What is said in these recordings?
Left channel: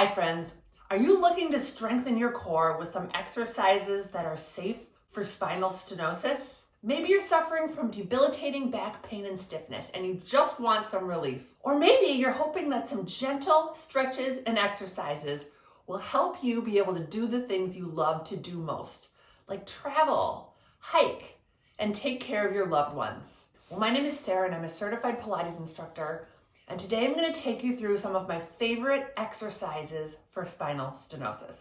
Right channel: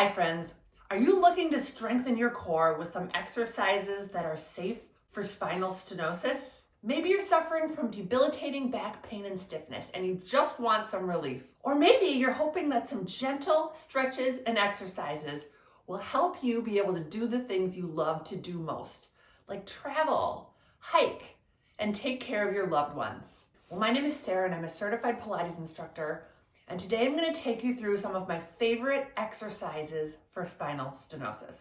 Hi friends, are you looking to strengthen your core with some exercises that are safe for spinal stenosis? Maybe you're suffering from debilitating back pain and stiffness and you just want some relief. Or maybe you're hoping that some gentle stretches and exercises will help you be able to do the things you love to do most, like travel, hike, and take care of your loved ones. Well, my name is Sarah and I'm a certified Pilates instructor. And today I'm going to take you through some of my favorite exercises for spinal stenosis.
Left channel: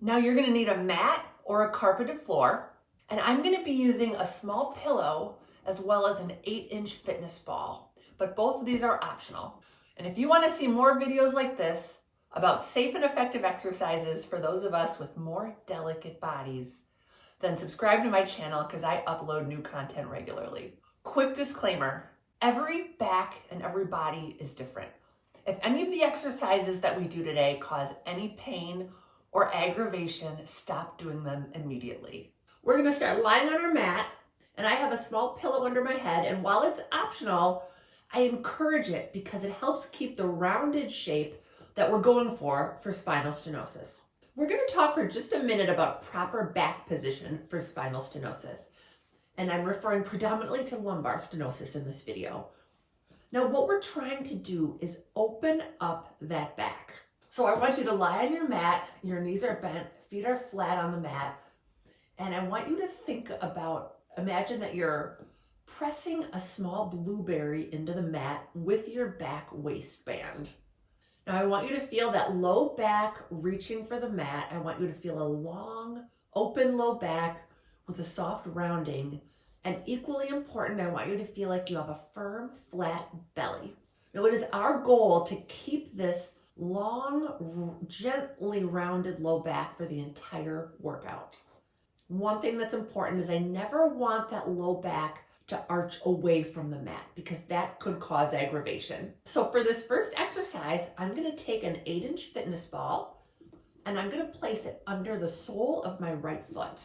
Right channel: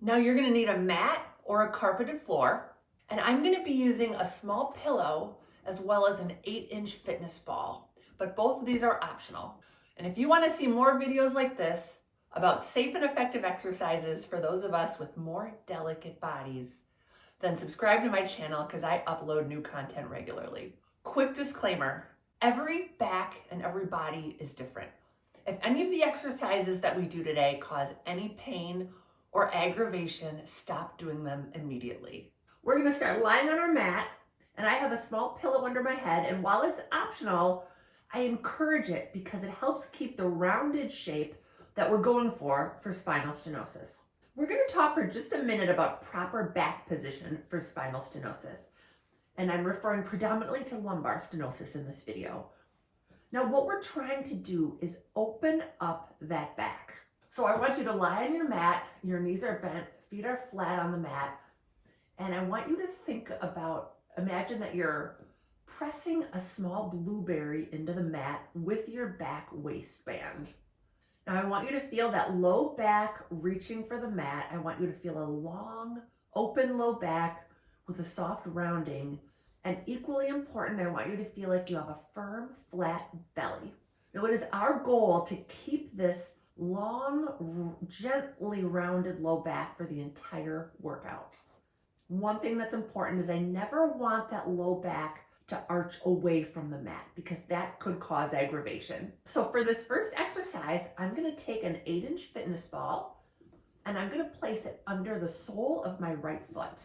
Now you're going to need a mat or a carpeted floor, and I'm going to be using a small pillow as well as an 8-inch fitness ball, but both of these are optional. And if you want to see more videos like this about safe and effective exercises for those of us with more delicate bodies, then subscribe to my channel because I upload new content regularly. Quick disclaimer. Every back and every body is different. If any of the exercises that we do today cause any pain or aggravation, stop doing them immediately. We're going to start lying on our mat, and I have a small pillow under my head, and while it's optional, I encourage it because it helps keep the rounded shape that we're going for spinal stenosis. We're going to talk for just a minute about proper back position for spinal stenosis. And I'm referring predominantly to lumbar stenosis in this video. Now, what we're trying to do is open up that back. So I want you to lie on your mat, your knees are bent, feet are flat on the mat, and I want you to think about, imagine that you're pressing a small blueberry into the mat with your back waistband. Now I want you to feel that low back reaching for the mat. I want you to feel a long, open low back with a soft rounding, and equally important, I want you to feel like you have a firm, flat belly. Now, it is our goal to keep this long, gently rounded low back for the entire workout. One thing that's important is I never want that low back to arch away from the mat because that could cause aggravation. So for this first exercise, I'm going to take an 8-inch fitness ball and I'm going to place it under the sole of my right foot.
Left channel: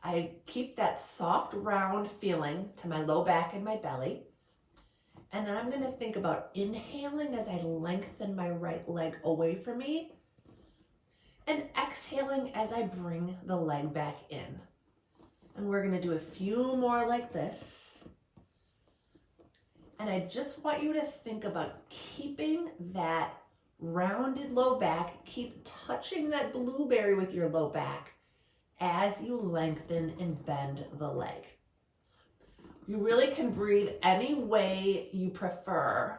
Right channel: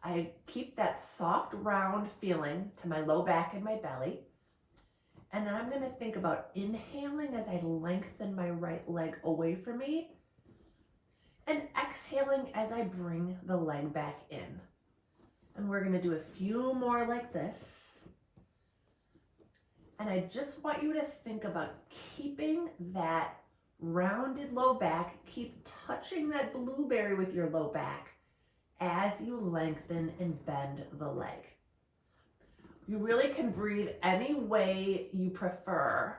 I keep that soft, round feeling to my low back and my belly. And then I'm going to think about inhaling as I lengthen my right leg away from me and exhaling as I bring the leg back in. And we're going to do a few more like this. And I just want you to think about keeping that rounded low back, keep touching that blueberry with your low back as you lengthen and bend the leg. You really can breathe any way you prefer,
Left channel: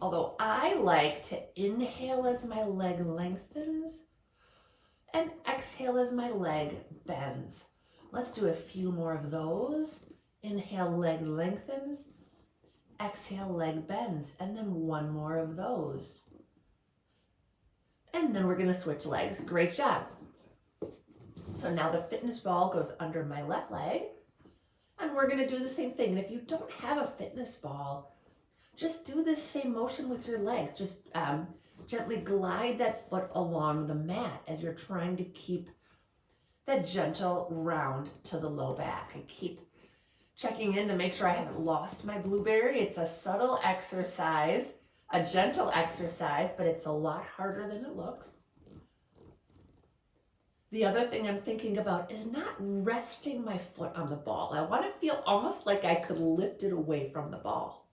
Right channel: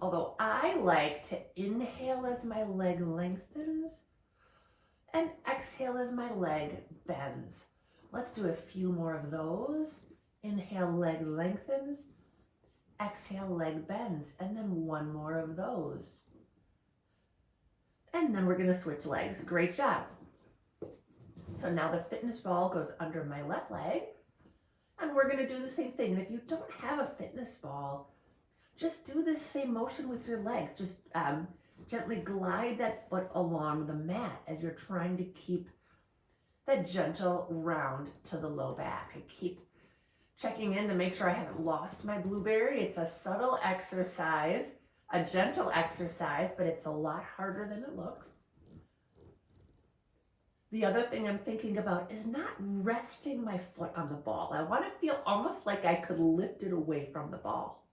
although I like to inhale as my leg lengthens and exhale as my leg bends. Let's do a few more of those. Inhale, leg lengthens, exhale, leg bends, and then one more of those. And then we're going to switch legs. Great job. So now the fitness ball goes under my left leg, and we're going to do the same thing. And if you don't have a fitness ball, just do this same motion with your legs. Just gently glide that foot along the mat as you're trying to keep that gentle round to the low back. I keep checking in to make sure I haven't lost my blueberry. It's a subtle exercise, a gentle exercise, but it's a lot harder than it looks. The other thing I'm thinking about is not resting my foot on the ball. I want to feel almost like I could lift it away from the ball.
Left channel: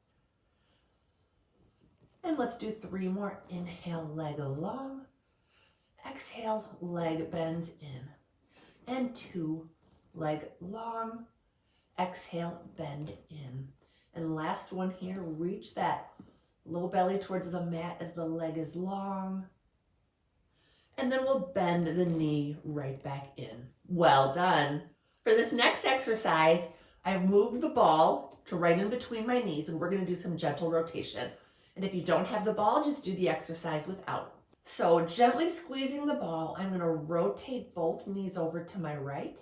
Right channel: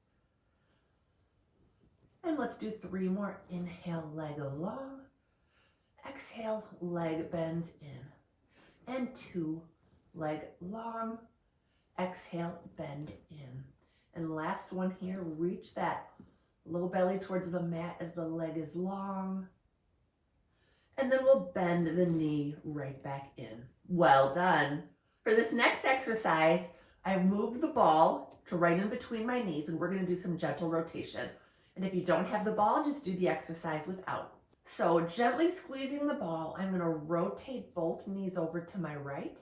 And let's do 3 more. Inhale, leg long. Exhale, leg bends in. And 2, leg long. Exhale, bend in. And last one here, reach that low belly towards the mat as the leg is long. And then we'll bend the knee right back in. Well done. For this next exercise, I've moved the ball to right in between my knees, and we're going to do some gentle rotation. And if you don't have the ball, just do the exercise without. So gently squeezing the ball, I'm going to rotate both knees over to my right,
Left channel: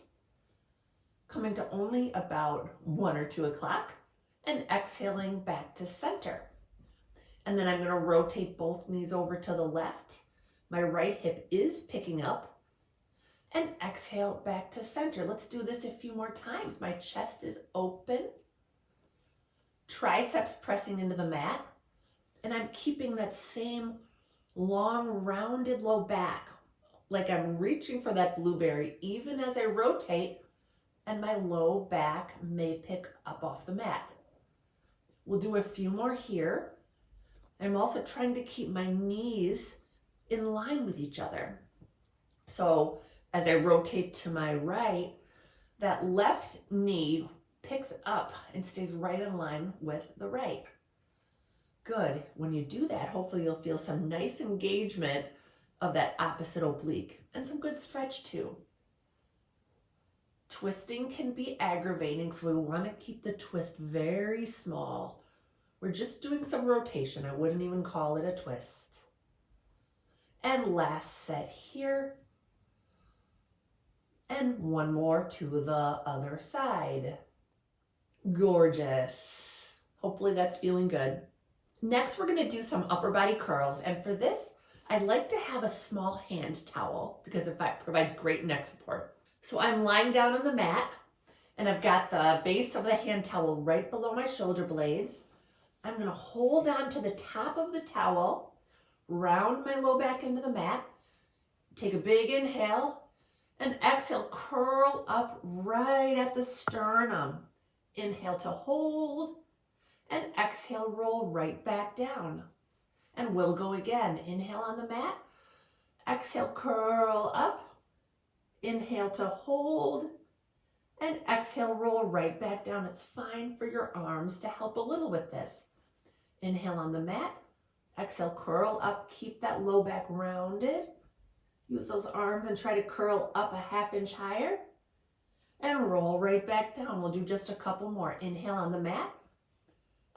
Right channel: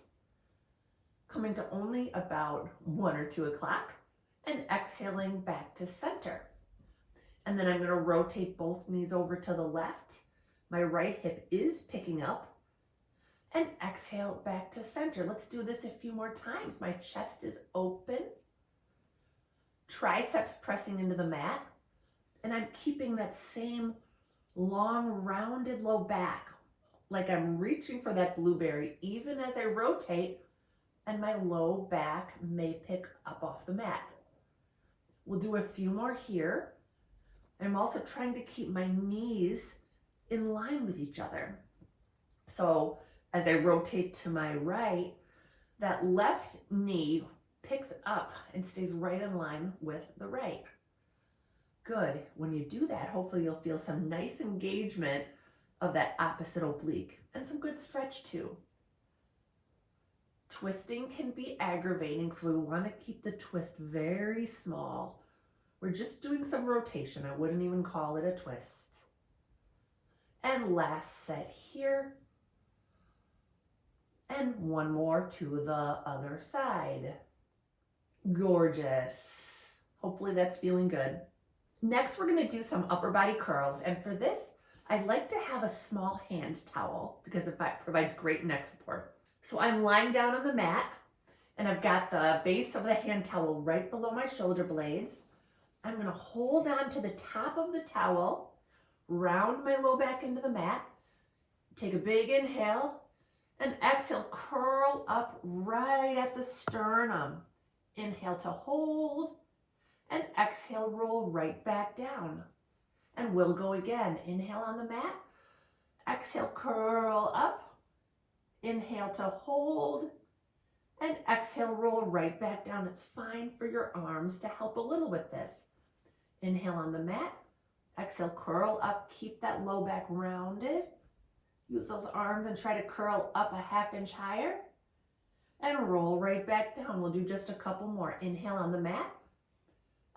coming to only about 1 or 2 o'clock, and exhaling back to center. And then I'm going to rotate both knees over to the left. My right hip is picking up, and exhale back to center. Let's do this a few more times. My chest is open, triceps pressing into the mat, and I'm keeping that same long, rounded low back, like I'm reaching for that blueberry even as I rotate, and my low back may pick up off the mat. We'll do a few more here. I'm also trying to keep my knees in line with each other. So as I rotate to my right, that left knee picks up and stays right in line with the right. Good. When you do that, hopefully you'll feel some nice engagement of that opposite oblique and some good stretch too. Twisting can be aggravating, so we want to keep the twist very small. We're just doing some rotation. I wouldn't even call it a twist. And last set here. And one more to the other side. Gorgeous. Hopefully that's feeling good. Next, we're going to do some upper body curls. And for this, I like to have a small hand towel because it provides great neck support. So I'm lying down on the mat and I've got the base of the hand towel right below my shoulder blades. I'm going to hold on to the top of the towel, round my low back into the mat, take a big inhale, and exhale, curl up right at the sternum. Inhale to hold, and exhale, roll right back down. And we'll go again. Inhale on the mat, exhale, curl up, inhale to hold, and exhale, roll right back down. It's fine for your arms to help a little with this. Inhale on the mat, exhale, curl up, keep that low back rounded. Use those arms and try to curl up a ½ inch higher and roll right back down. We'll do just a couple more. Inhale on the mat,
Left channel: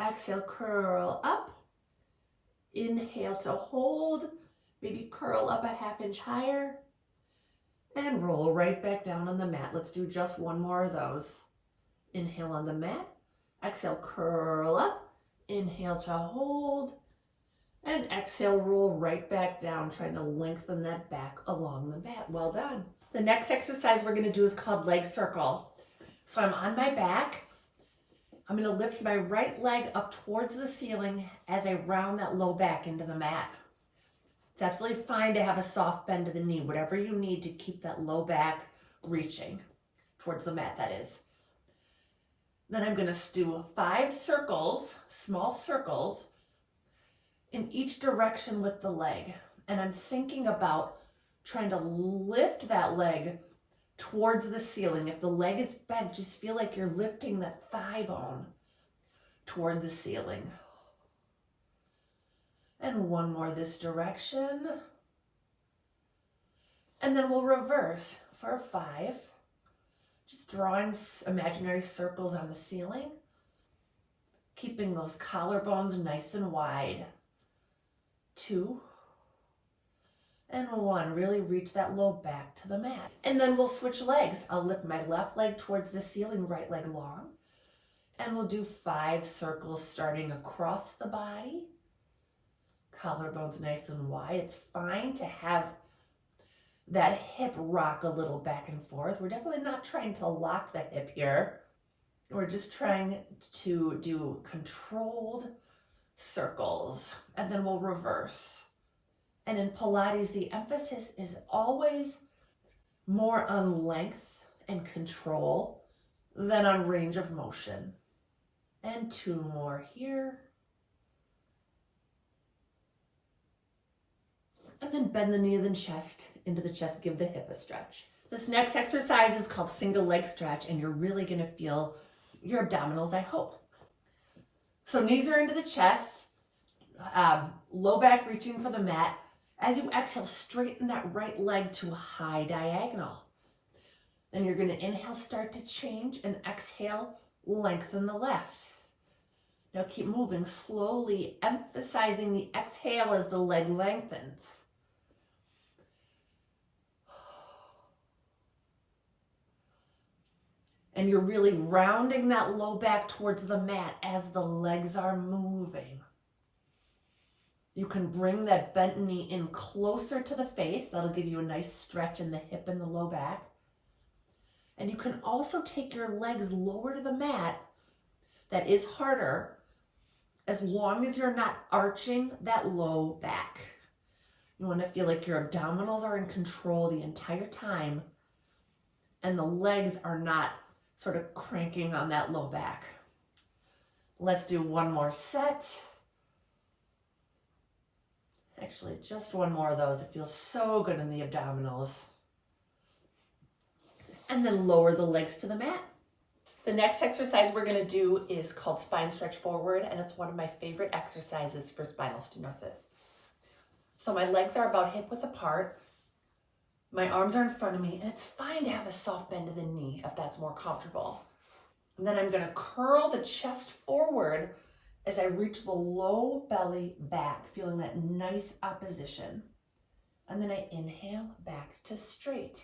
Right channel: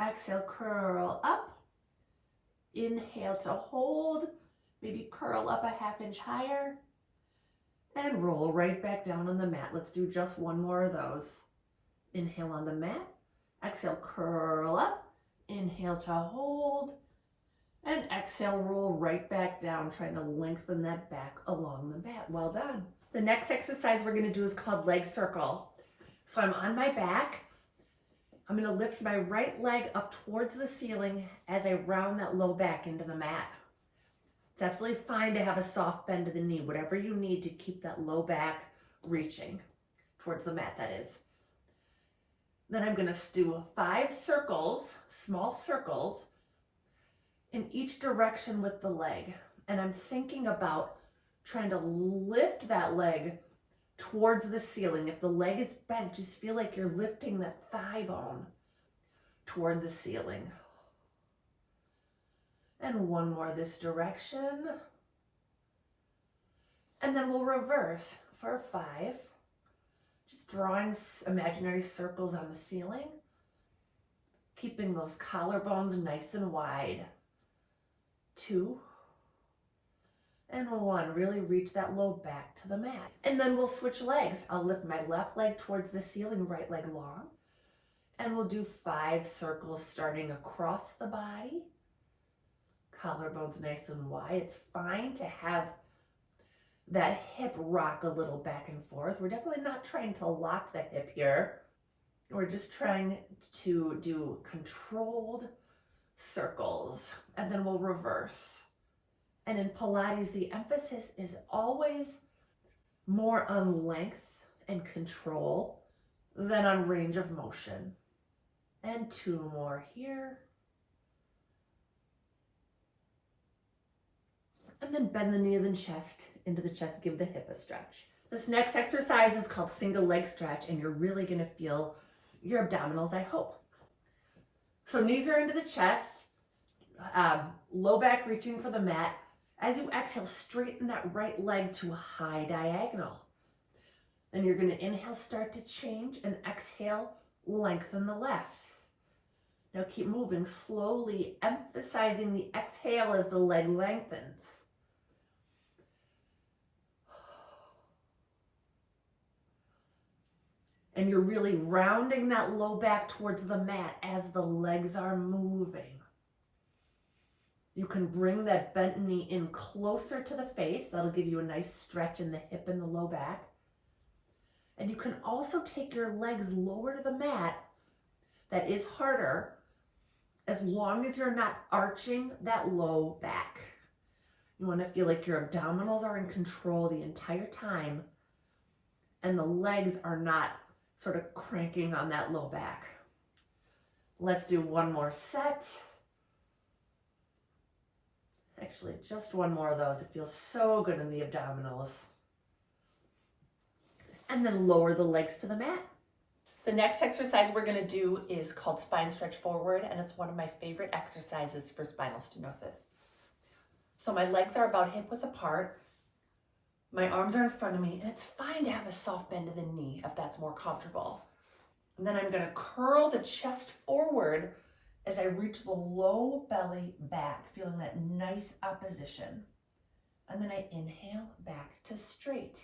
exhale, curl up, inhale to hold, maybe curl up a ½ inch higher and roll right back down on the mat. Let's do just one more of those. Inhale on the mat, exhale, curl up, inhale to hold, and exhale, roll right back down, trying to lengthen that back along the mat. Well done. The next exercise we're going to do is called leg circle. So I'm on my back. I'm going to lift my right leg up towards the ceiling as I round that low back into the mat. It's absolutely fine to have a soft bend to the knee, whatever you need to keep that low back reaching towards the mat, that is. Then I'm going to do 5 circles, small circles, in each direction with the leg. And I'm thinking about trying to lift that leg towards the ceiling. If the leg is bent, just feel like you're lifting that thigh bone toward the ceiling. And one more this direction. And then we'll reverse for 5. Just drawing imaginary circles on the ceiling, keeping those collarbones nice and wide. 2 and 1. Really reach that low back to the mat. And then we'll switch legs. I'll lift my left leg towards the ceiling, right leg long. And we'll do 5 circles starting across the body. Collarbones nice and wide. It's fine to have that hip rock a little back and forth. We're definitely not trying to lock the hip here. We're just trying to do controlled circles, and then we'll reverse. And in Pilates, the emphasis is always more on length and control than on range of motion. And 2 more here. And then bend the knee and the chest into the chest, give the hip a stretch. This next exercise is called single leg stretch, and you're really going to feel your abdominals, I hope. So knees are into the chest, low back reaching for the mat. As you exhale, straighten that right leg to a high diagonal. Then you're going to inhale, start to change, and exhale, lengthen the left. Now keep moving slowly, emphasizing the exhale as the leg lengthens. And you're really rounding that low back towards the mat as the legs are moving. You can bring that bent knee in closer to the face. That'll give you a nice stretch in the hip and the low back. And you can also take your legs lower to the mat. That is harder, as long as you're not arching that low back. You want to feel like your abdominals are in control the entire time and the legs are not sort of cranking on that low back. Let's do one more set. Actually, just one more of those. It feels so good in the abdominals. And then lower the legs to the mat. The next exercise we're going to do is called spine stretch forward, and it's one of my favorite exercises for spinal stenosis. So my legs are about hip width apart. My arms are in front of me, and it's fine to have a soft bend of the knee if that's more comfortable. And then I'm going to curl the chest forward as I reach the low belly back, feeling that nice opposition. And then I inhale back to straight,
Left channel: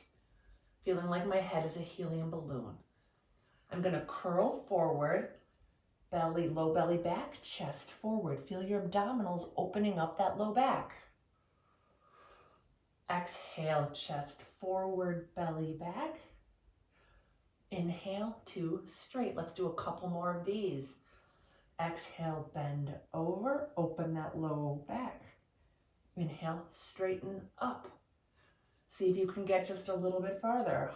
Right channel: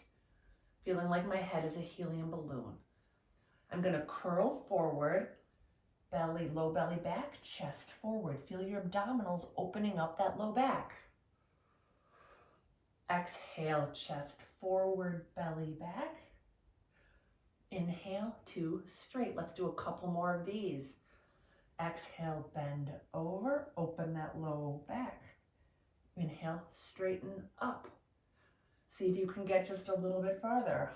feeling like my head is a helium balloon. I'm going to curl forward, belly, low belly back, chest forward. Feel your abdominals opening up that low back. Exhale, chest forward, belly back. Inhale to straight. Let's do a couple more of these. Exhale, bend over, open that low back. Inhale, straighten up. See if you can get just a little bit farther.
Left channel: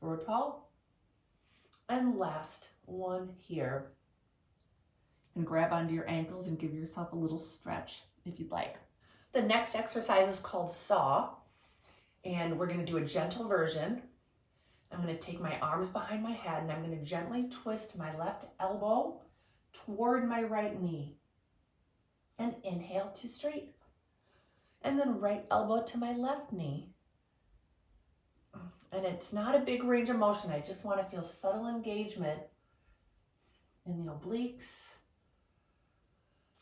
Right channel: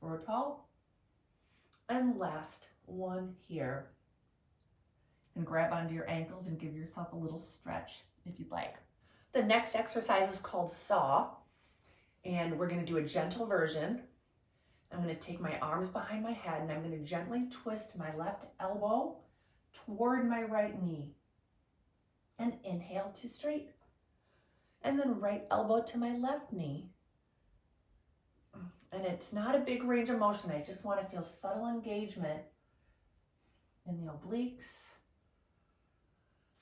Grow tall. And last one here. And grab onto your ankles and give yourself a little stretch if you'd like. The next exercise is called saw, and we're going to do a gentle version. I'm going to take my arms behind my head and I'm going to gently twist my left elbow toward my right knee and inhale to straight. And then right elbow to my left knee. And it's not a big range of motion. I just want to feel subtle engagement in the obliques.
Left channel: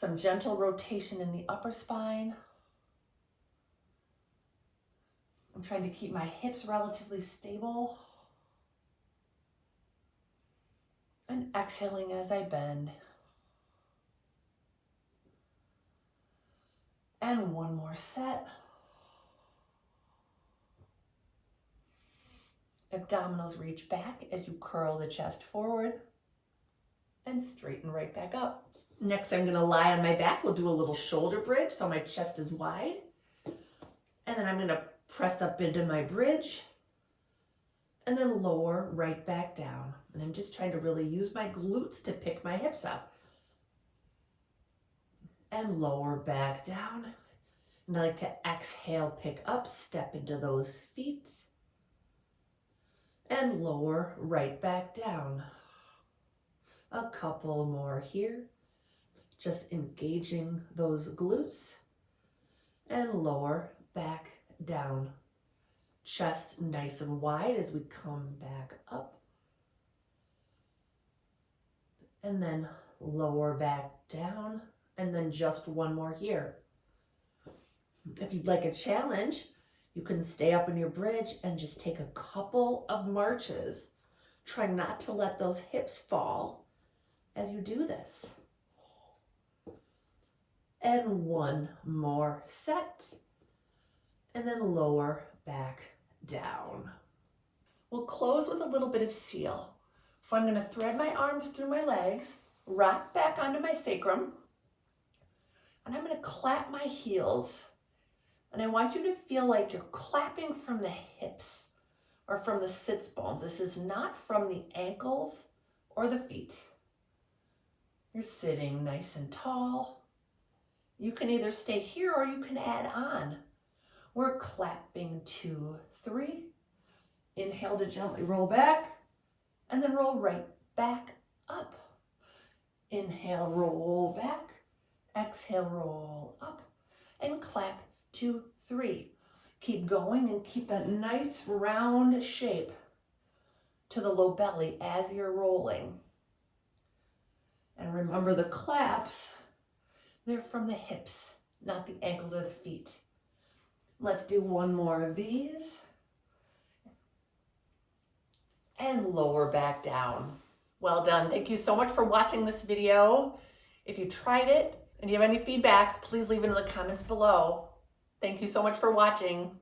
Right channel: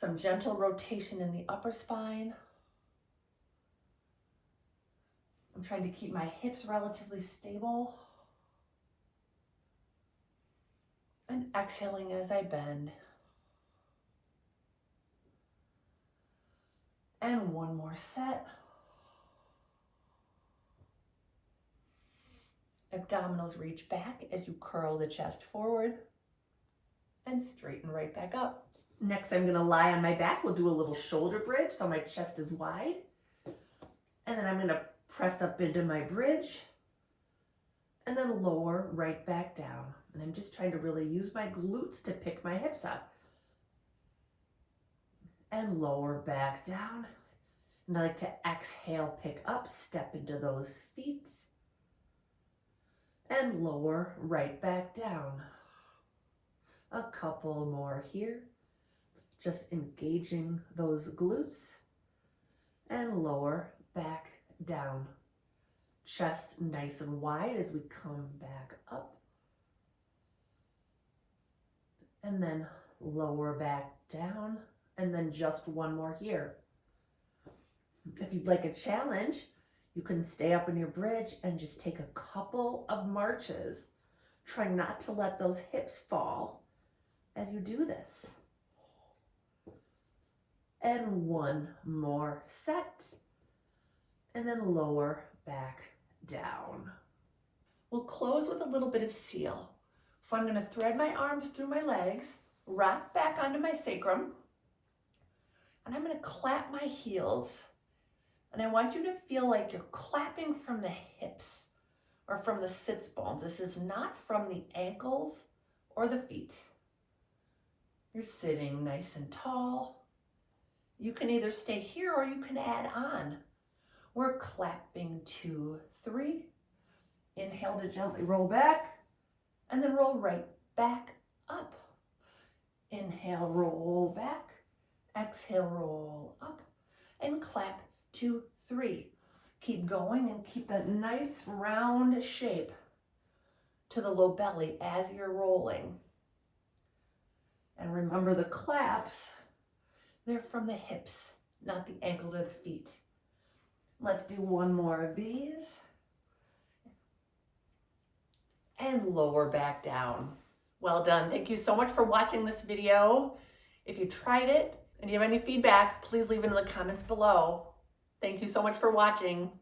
Some gentle rotation in the upper spine. I'm trying to keep my hips relatively stable. And exhaling as I bend. And one more set. Abdominals reach back as you curl the chest forward and straighten right back up. Next, I'm going to lie on my back. We'll do a little shoulder bridge so my chest is wide. And then I'm going to press up into my bridge and then lower right back down. And I'm just trying to really use my glutes to pick my hips up. And lower back down. And I like to exhale, pick up, step into those feet. And lower right back down. A couple more here. Just engaging those glutes. And lower back down. Chest nice and wide as we come back up. And then lower back down. And then just one more here. If you'd like a challenge, you can stay up in your bridge and just take a couple of marches. Try not to let those hips fall as you do this. And one more set. And then lower back down. We'll close with a little bit of seal. So I'm going to thread my arms through my legs, rock back onto my sacrum, and I'm going to clap my heels. And I want you to feel like you're clapping from the hips or from the sits bones. This is not from the ankles or the feet. You're sitting nice and tall. You can either stay here or you can add on. We're clapping 2, 3. Inhale to gently roll back and then roll right back up. Inhale, roll back. Exhale, roll up and clap 2, 3. Keep going and keep that nice round shape to the low belly as you're rolling. And remember the claps, they're from the hips, not the ankles or the feet. Let's do one more of these. And lower back down. Well done. Thank you so much for watching this video. If you tried it and you have any feedback, please leave it in the comments below. Thank you so much for watching.